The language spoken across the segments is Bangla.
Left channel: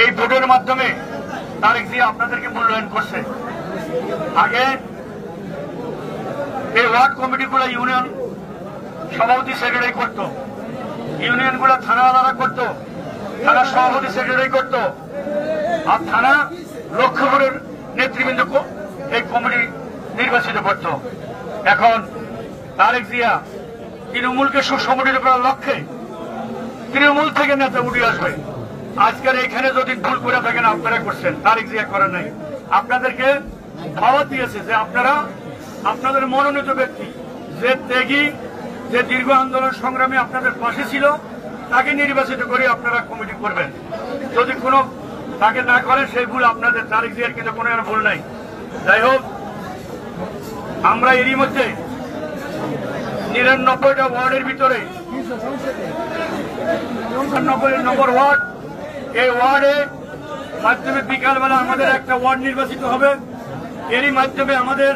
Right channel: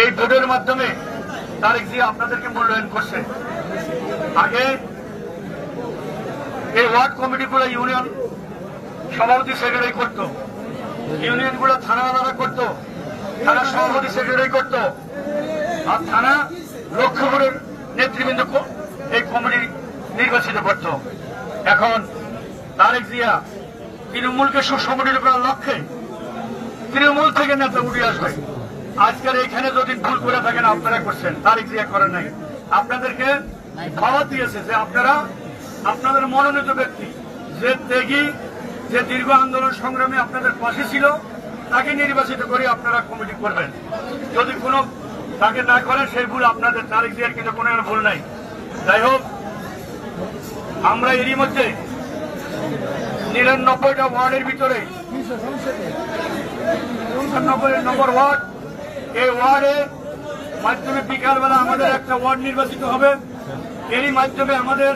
এই ভোটের মাধ্যমে তারেক জিয়া আপনাদেরকে মূল্যায়ন করছে। আগে এই ওয়ার্ড কমিটিগুলো ইউনিয়ন সভাপতি সেক্রেটারি করত, ইউনিয়নগুলো থানাওয়ালারা করত, থানা সভাপতি সেক্রেটারি করত, আর থানা লক্ষ্যপুরের নেতৃবৃন্দ এই কমিটি নির্বাচিত করত। এখন তারেক জিয়া তৃণমূলকে সুসংগঠিত করার লক্ষ্যে তৃণমূল থেকে নেতা উঠে আসবে। আজকের এখানে যদি ভুল করে থাকেন আপনারা করছেন, তারেক জিয়া করেন নাই। আপনাদেরকে দাওয়াত দিয়েছে যে আপনারা আপনাদের মনোনীত ব্যক্তি যে ত্যাগী, যে দীর্ঘ আন্দোলন সংগ্রামে আপনাদের পাশে ছিল, তাকে নির্বাচিত করে আপনারা কমিটি করবেন। যদি কোনো তাকে না করেন সেই ভুল আপনাদের, তারেক জিয়ার কিন্তু কোনো ভুল নাই। যাই হোক, আমরা এরই মধ্যে ৯৯টা ওয়ার্ডের ভিতরে ৯৯ নম্বর ওয়ার্ড, এই ওয়ার্ডে মাধ্যমে বিকালবেলা আমাদের একটা ওয়ার্ড নির্বাচিত হবে। এরই মাধ্যমে আমাদের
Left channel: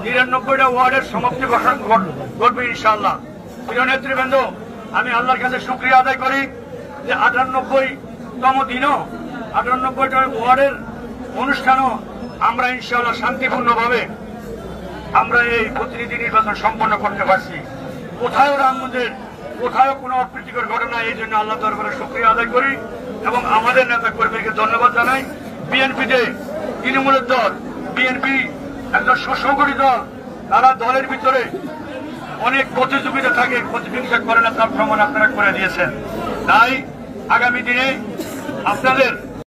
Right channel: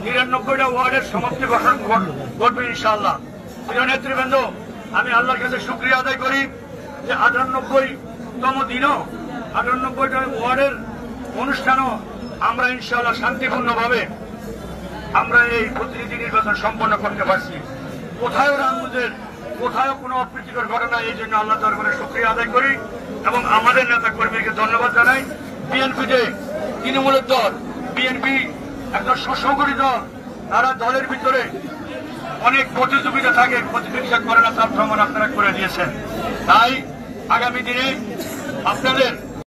৯৯টা ওয়ার্ডের সমাপ্তি ঘটবে ইনশাআল্লাহ। প্রিয় নেতৃবৃন্দ, আমি আল্লাহর কাছে শুকরিয়া আদায় করি যে ৯৮তম দিনও ৯৮টা ওয়ার্ডের অনুষ্ঠানও আমরা ইনশাআল্লাহ শান্তিপূর্ণভাবে আমরা এই প্রতিনিধি নির্বাচন সম্পন্ন করতে পারছি। কোথাও রামমন্দির, কোথাও কোনো অপ্রীতিকর ঘটনা, এই জন্য আল্লাহ দরবারে শুকরিয়া আদায় করি এবং আমাদের নেতা কর্মীকে ধন্যবাদ জানাই। বিএনপিতে তৃণমূলের দল, বিএনপি একটা সুসংগঠিত দল, তারা দলের ভিতরে অনেক প্রতিযোগিতা থাকে, প্রতিযোগিতা করে না, তার প্রমাণ আপনারা করে দিয়েছেন। তাই আগামী দিনে আপনাদের